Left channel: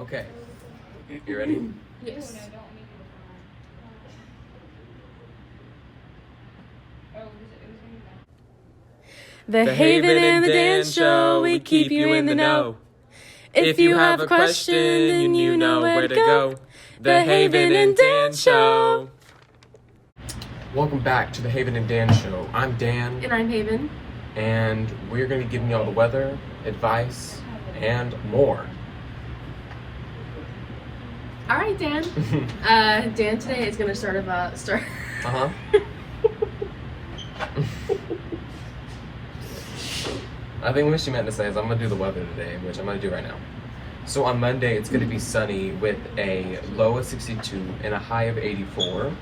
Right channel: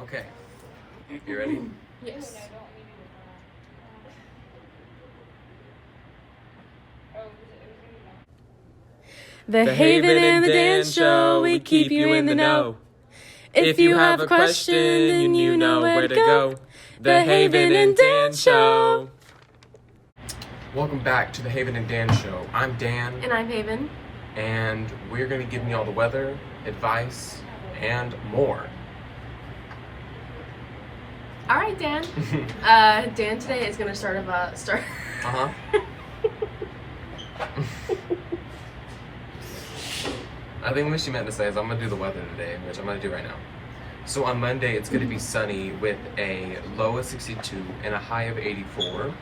Okay. You ready? Yes. The Haven and the Dan Show, we keep you in the know. If you have a question, then you know where to go. The Haven and Dan Show. Welcome back to the Haven and Dan Show. I'm Dan. And I'm Haven. And we're going to be giving you all the weather, advice, and more. All right, Dan. Dan today is going to start. Uh-huh. I think what she meant to say is I'm going to do the weather today, which I'm going to do right now. So on Monday, it's going to be sunny with a low of 62 and a high of 84.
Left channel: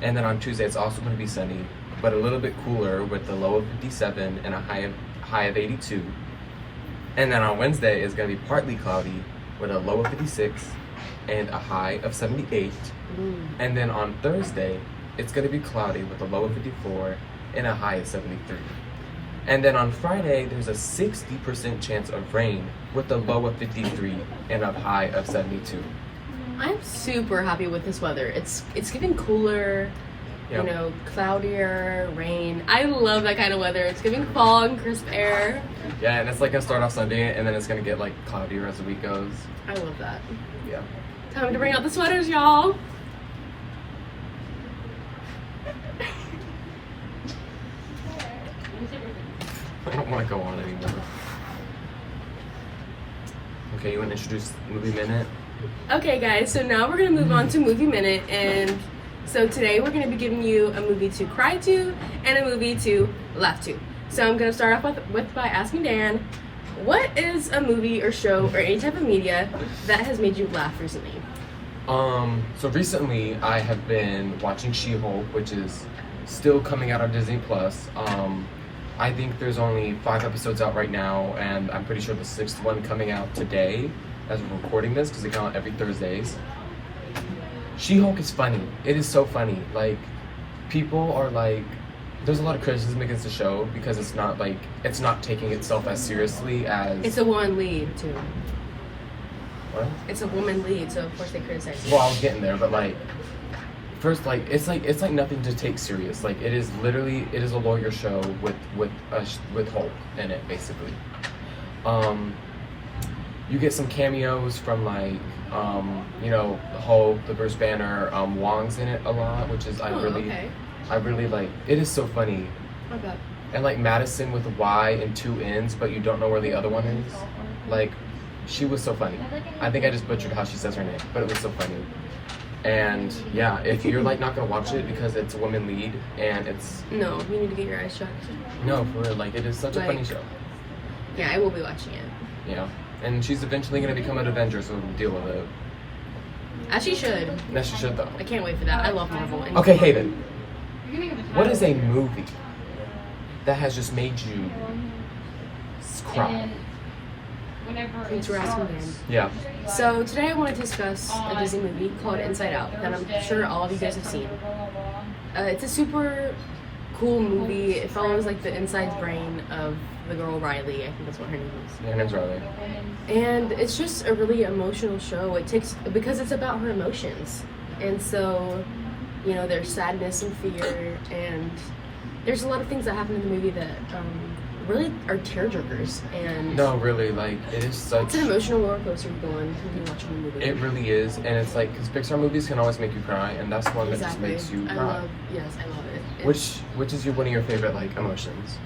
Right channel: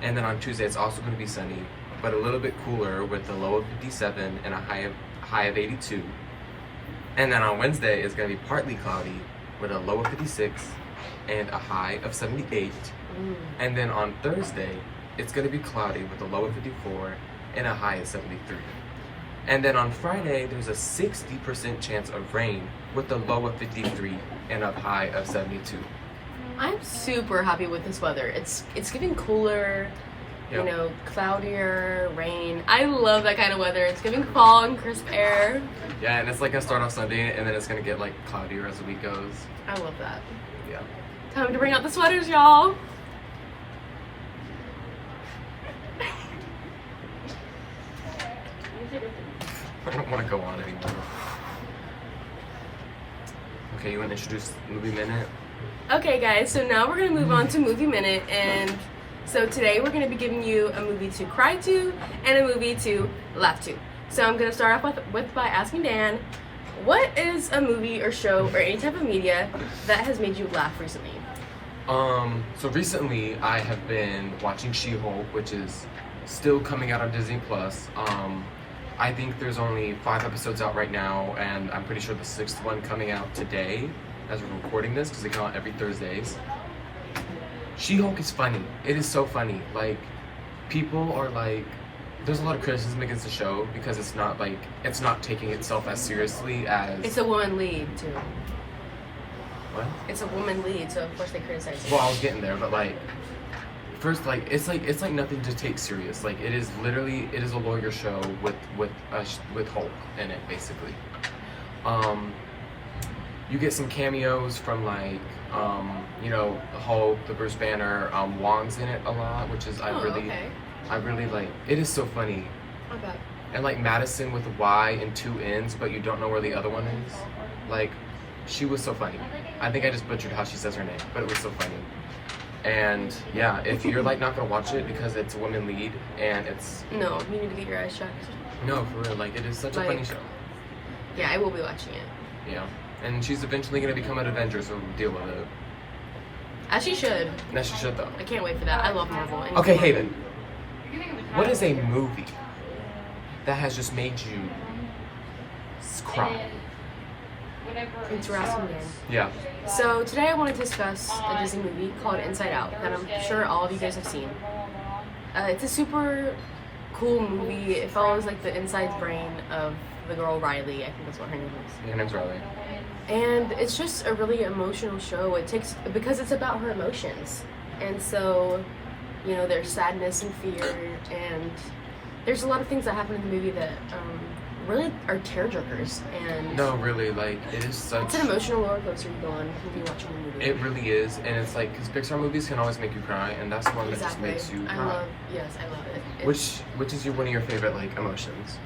And then on Tuesday, it's also going to be sunny, but a little bit cooler with a low of 57 and a high of 82. And then on Wednesday, it's going to be partly cloudy with a low of 56 and a high of 78. And then on Thursday, it's going to be cloudy with a low of 54 and a high of 73. And then on Friday, there's a 60% chance of rain with a low of 53 and a high of 72. I'm super happy with this weather. It's getting cooler, Yep. you know, cloudier, rain. I love that kind of weather. It's giving fall and crisp air. Yeah, and it's like gonna start off Sunday, and then it's gonna get like cloudier as the week goes. I love that. Yeah. Time to bring out the sweaters, y'all. I don't want to go on anymore. Okay, you want to introduce Movie Minute? Okay, guys, so now we're going to move on to Movie Minute. And so today we're going to be giving you a movie to cry to and a movie to laugh to. So I'm going to start off by asking Dan, what is a movie or show or any type of media that has made you laugh recently? So recently I have been watching She-Hulk, which is still coming out on Disney Plus. I think there's only 5 episodes out right now, and I'm pretty sure the 6th one coming out today as we're recording this, because they come out every Thursdays. She-Hulk is funny. It is so funny. Like, people are like, there's a lot of criticism against the show because it's not taking itself as seriously as... It's a woman lead, too. What? It's a woman lead, so of course they criticize it. Well, I was getting there, but like, first, like it's like nothing to take serious. Like it is a lawyer show with Hulk in it, basically. You get some cameos from like you know, the Hulk, the Bruce Banner, Wong's in it a lot, which is I really like. It is so funny. Okay. And like Madison with a Y and 2 N's, but you don't know where the other one is. Like, she was so funny. I think I just butchered how she says her name, but it was so funny. And yeah, if you're like not gonna watch it because it's a woman lead and it's... No, you need to get your eyes shut. No, for real, like it is such a funny show. Yeah, I will be watching it. Yeah, and she's eventually gonna become an Avenger, so deal with it. As she should. Yes, she should though. I can't wait for that. I love Marvel. Okay, Haven. What is a movie that has just made you cry? Thanks for asking, Dan. Yeah. So today I want to discuss a Disney movie called Inside Out that I'm sure all of you guys have seen. It's a super cool movie. It follows like the inside brain of the girl Riley. I think that's what her name is. Yeah, her name's Riley. And it's just a really emotional show. Because it's about her emotions. And so, you know, there's sadness and fear, and there's a lot of things that happen in the movie that really are tearjerkers. And no, really, like it is such. It's an emotional roller coaster you go on when you're watching a movie. It really is, and it's like because Pixar movies can always make you cry, and that's one that just makes you cry. I love it. Which is one of your favorite like emotions?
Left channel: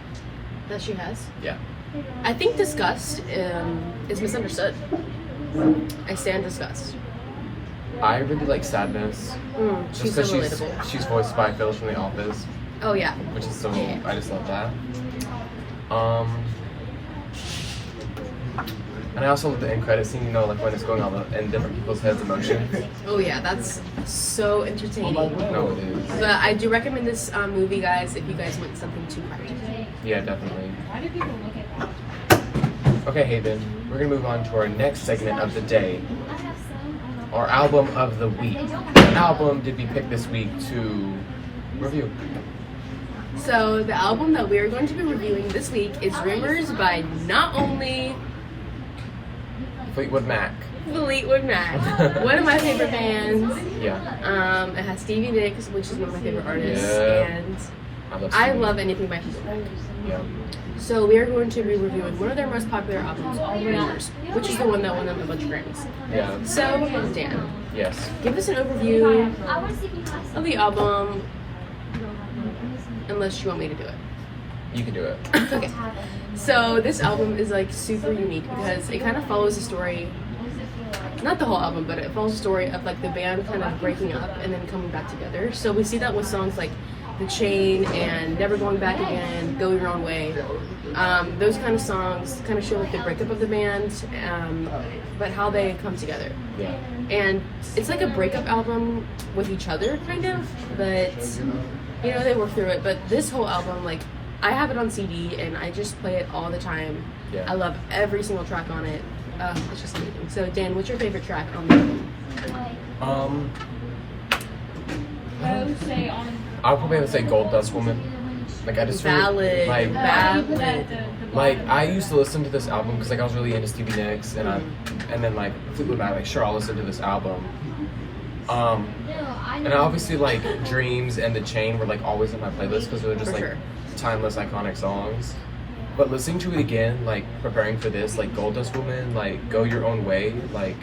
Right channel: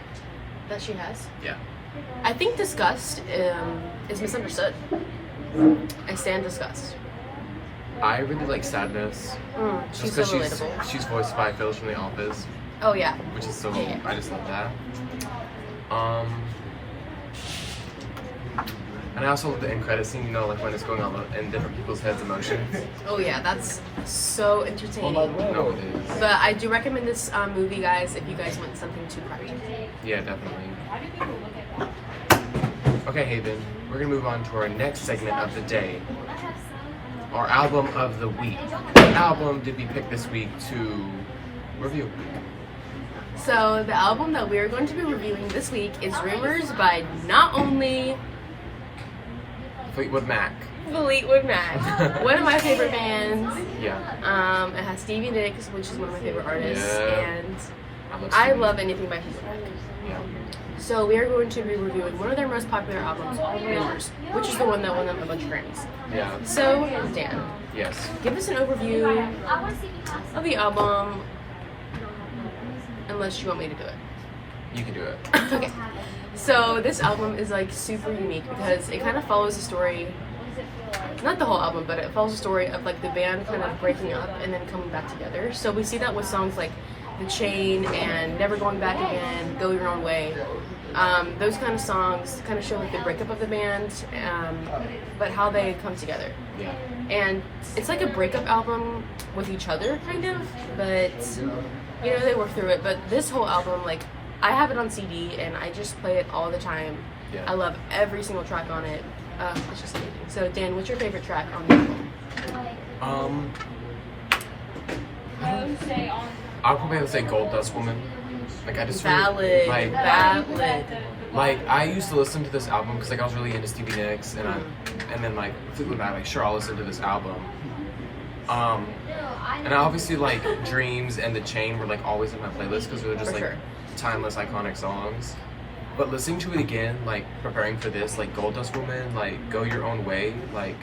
That she has? Yeah. I think disgust is misunderstood. I stand disgust. I really like sadness. Just She's so because relatable. she's voiced by Phyllis from The Office. Oh yeah. Which is so I just love that. And I also love the end credit scene, you know, like when it's going on in different people's heads' emotions. Oh yeah, that's so entertaining. No, it is. But I do recommend this movie, guys, if you guys want something to cry. Yeah, definitely. Okay, Haven, we're gonna move on to our next segment of the day. Our album of the week. What album did we pick this week to review? So the album that we're going to be reviewing this week is Rumors by not only Fleetwood Mac. Fleetwood Mac. One of my favorite bands. Yeah. It has Stevie Nicks, which is one of my favorite artists. Yeah. And I I love love anything by Fleetwood Mac. Yeah. So we are going to be reviewing one of their most popular albums, All Rumors, which is the one that won them a bunch of Grammys. Yeah. So, Dan, Yes. give us an overview of the album, unless you want me to do it. You can do it. Okay. So this album is like super unique because it kind of follows the story, not the whole album, but it follows the story of like the band kind of breaking up and then coming back together. So we see that with songs like The Chain and Never Going Back Again, Go Your Own Way. Those kind of songs kind of show like the breakup of the band, but how they come together. Yeah. And it's like a breakup album with each other, kind of, but you know, they work through it. But this whole album, like, I have it on CD and I just play it all the time. Yeah. I love every single track on it. It's just amazing. So, Dan, what's your favorite track on the album? I'll probably have to say Gold Dust Woman. Like I just really, Ballad. like I used to listen to this album because like I was really into Stevie Nicks and then like Fleetwood Mac, like sure I'll listen to this album. And obviously like Dreams and The Chain were like always in my playlist because they're just For like sure. timeless, iconic songs. But listening to it again, like preparing for this, like Gold Dust Woman, like Go Your Own Way, like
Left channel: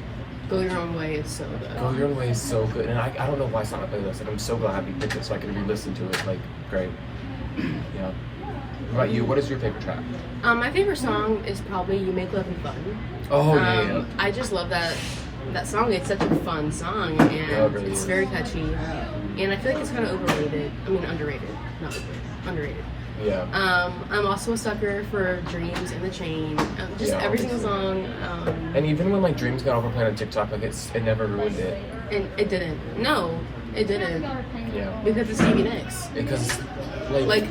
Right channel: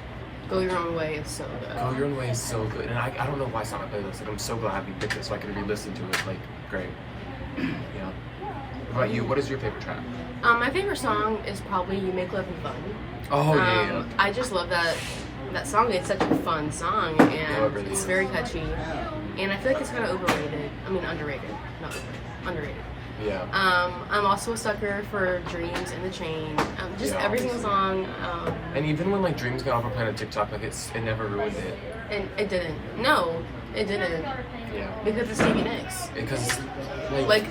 Go Your Own Way is so good. Go Your Own Way is so good, and I don't know why it's not on my playlist. Like I'm so glad we picked it so I can re-listen to it. Like great, yeah. What about you? What is your favorite track? My favorite song is probably You Make Love and Fun. Oh yeah. I just love that song. It's such a fun song, and Yeah, it really it's is. very catchy. And I feel like it's kind of overrated. I mean, underrated, not overrated, underrated. Yeah. I'm also a sucker for Dreams and The Chain. Just Yeah, every single obviously. song. And even when like Dreams got overplayed on TikTok, like it never ruined it. And it didn't. No, it didn't. Yeah. Because it's Stevie Nicks. Because like Like,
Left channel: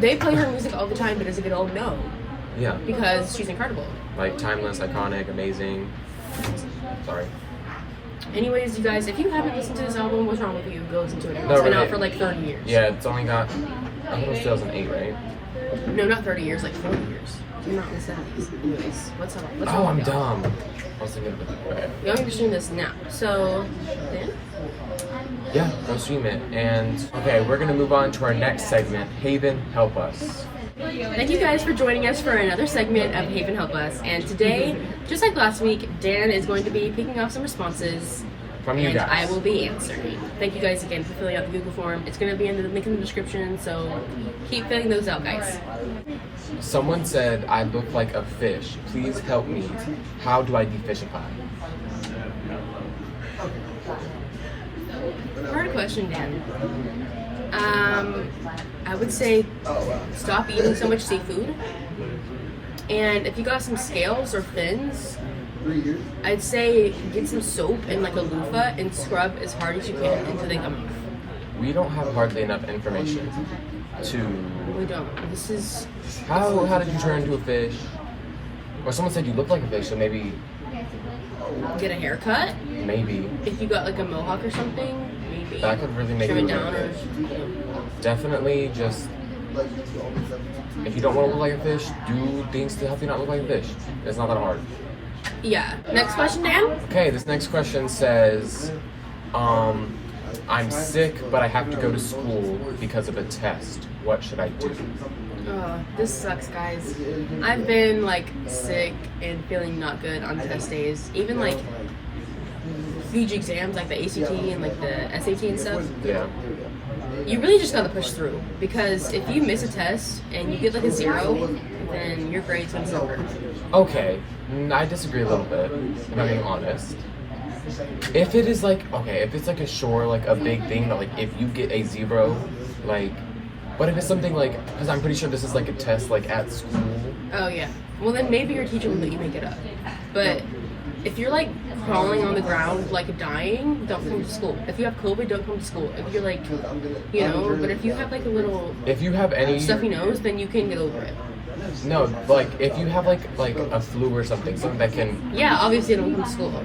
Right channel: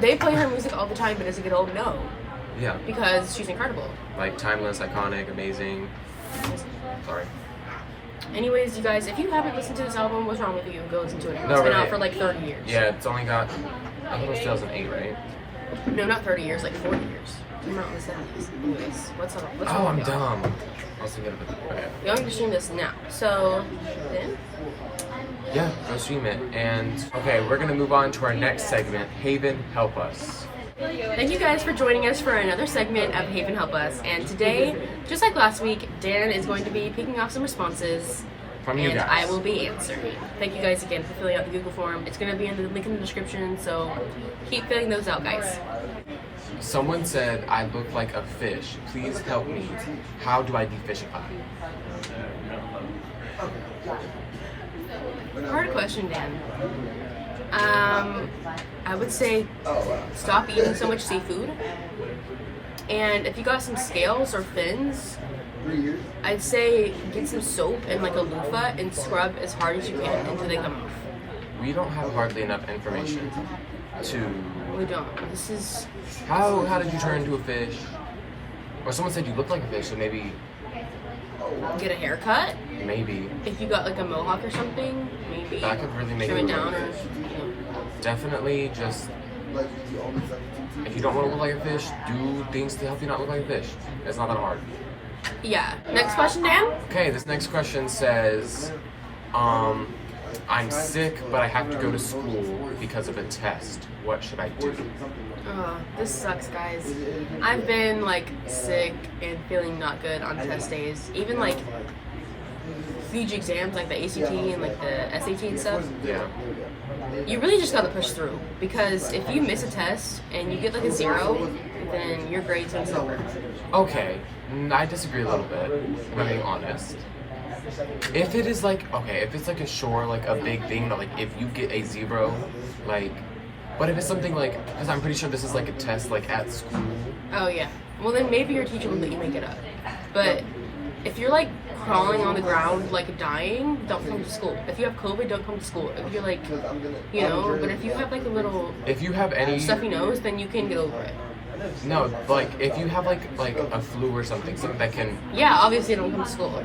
they play her music all the time, but does it get old? No. yeah, Because she's incredible. like timeless, iconic, amazing. Sorry. Anyways, you guys, if you haven't listened to this album, what's wrong with you? Go listen to it. It's No, been really. out for like 30 years. Yeah, it's only got. I thought it was 2008, right? No, not 30 years, like 40 years. Came out in the 70s. Anyways, what's up? Oh, I'm dumb. I was thinking of it. Okay. We only stream this now. So, then? Yeah, go stream it. And okay, we're gonna move on to our next segment. Haven, help us. Thank you guys for joining us for another segment of Haven Help Us. And today, just like last week, Dan is going to be picking off some responses. From you and guys. I will be answering. Thank you guys again for filling out the Google form. It's going to be in the link in the description, so keep filling those out, guys. Someone said I look like a fish. Please help me. How do I defishify? Hard question, Dan. I would say stop eating so much seafood. And if you got some scales or fins, I'd say get some soap and like a loofah and scrub as hard as you can until they come off. We don't have hardly enough information to. We don't. This is How did you turn into a fish? Or someone said you look like a fish, so maybe get a haircut. maybe If you got like a mohawk or something, maybe that could really make you trim it look like down a or fish. you know. Definitely just if you don't want to look like a fish, do things to help you not look like a fish. It's not that hard. Yeah. Next question, Dan. Okay, this next question says, I'm sick, but I have to go to school because of a test. What should I do? This sucks, guys. I've been like sick and feeling not good on test days. Even like huge exams like the ACT and like the SAT and stuff. Yeah. You really just gotta push through because if you miss a test and you get like a 0, then your grade's gonna suffer. Okay, I disagree a little bit, if I'm being honest. If it is like, okay, if it's like a big thing that like if you get a 0, like, but if it's something like, because I'm pretty sure this is like a test like at school. Oh yeah. Well then maybe your teacher will let you make it up. But if you're like crawling on the ground like dying, don't come to school. If you have COVID, don't come to school. If you're like, you know, but if you have like a little If you have any, stuffy nose, then you can get over it. no, like if you have like a flu or something that can, Yeah, obviously don't come to school.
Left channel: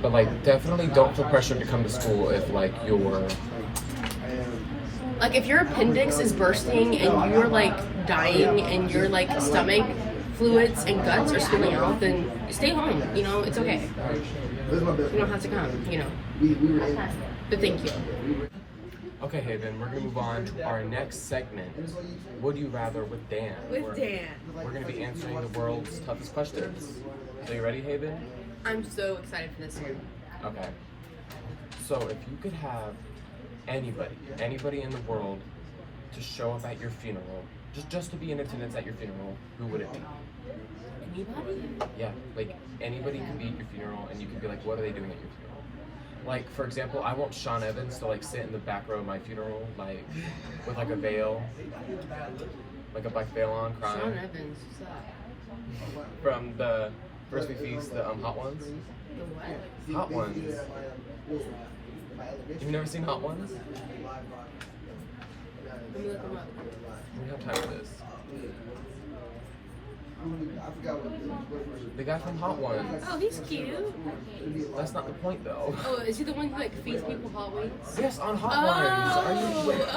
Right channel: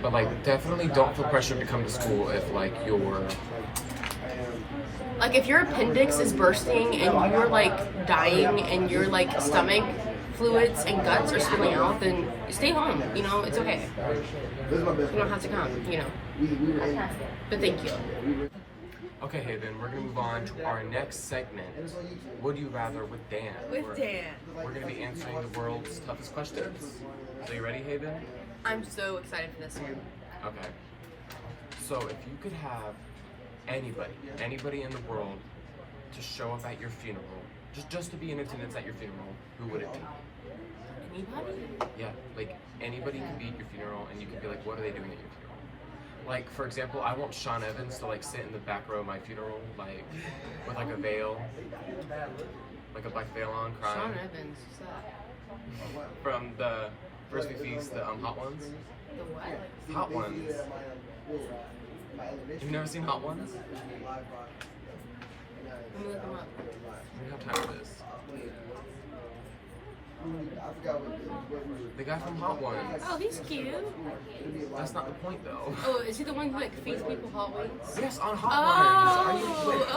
but like definitely don't feel pressured to come to school if like you're, Like if your appendix is bursting and you're like dying and your like stomach fluids and guts are spilling out, then stay home. You know, it's okay. You don't have to come, you know. But thank you. Okay, Haven, we're gonna move on to our next segment. Would you rather with Dan? We're gonna be answering the world's toughest questions. So you ready, Haven? I'm so excited for this one. Okay. So if you could have anybody in the world to show up at your funeral, just to be in attendance at your funeral, who would it be? Anybody? Yeah, like anybody could be at your funeral and you could be like, what are they doing at your funeral? Like, for example, I want Sean Evans to like sit in the back row of my funeral, like with like a veil, like a black veil on, crying. Sean Evans, what's up? From the First We Feast, the Hot Ones. The what? Hot Ones. You've never seen Hot Ones? Let me look him up. We don't have time for this. The guy from Hot Ones. Oh, he's cute. That's not the point, though. Oh, is he the one who like feeds people hot wings? Yes, on Hot Ones. Are you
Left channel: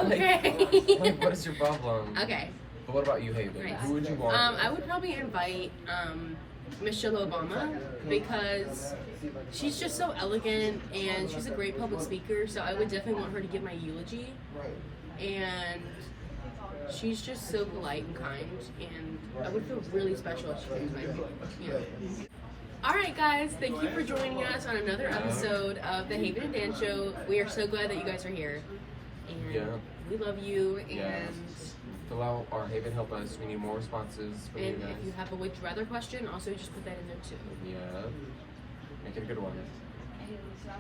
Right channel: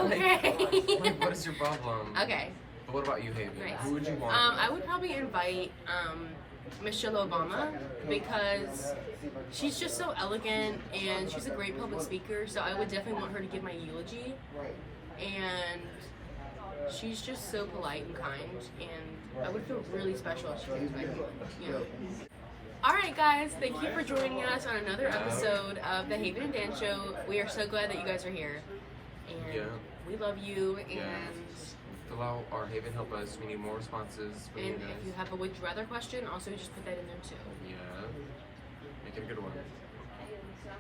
okay. like, what is your problem? Okay. But what about you, Haven? Nice. Who would you want? I would probably invite Michelle Obama because she's just so elegant and she's a great public speaker. So I would definitely want her to give my eulogy. And she's just so polite and kind, and I would feel really special if she gave my eulogy. You know. All right, guys, thank you for joining us on another episode of the Haven and Dan Show. We are so glad that you guys are here, and we love you. And fill out our Haven Help Us. We need more responses from you guys. If you have a would you rather question, also just put that in there too. Yeah, make it a good one.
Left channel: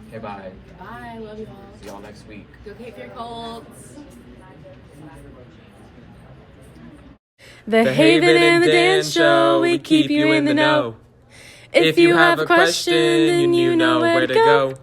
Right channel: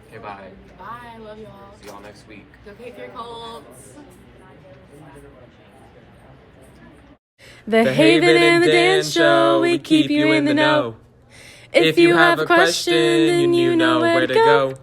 Okay, bye. Bye, love y'all. See y'all next week. Go kick your Colts. The Haven and the Dan Show, we keep you in the know. If you have a question, then you know where to go.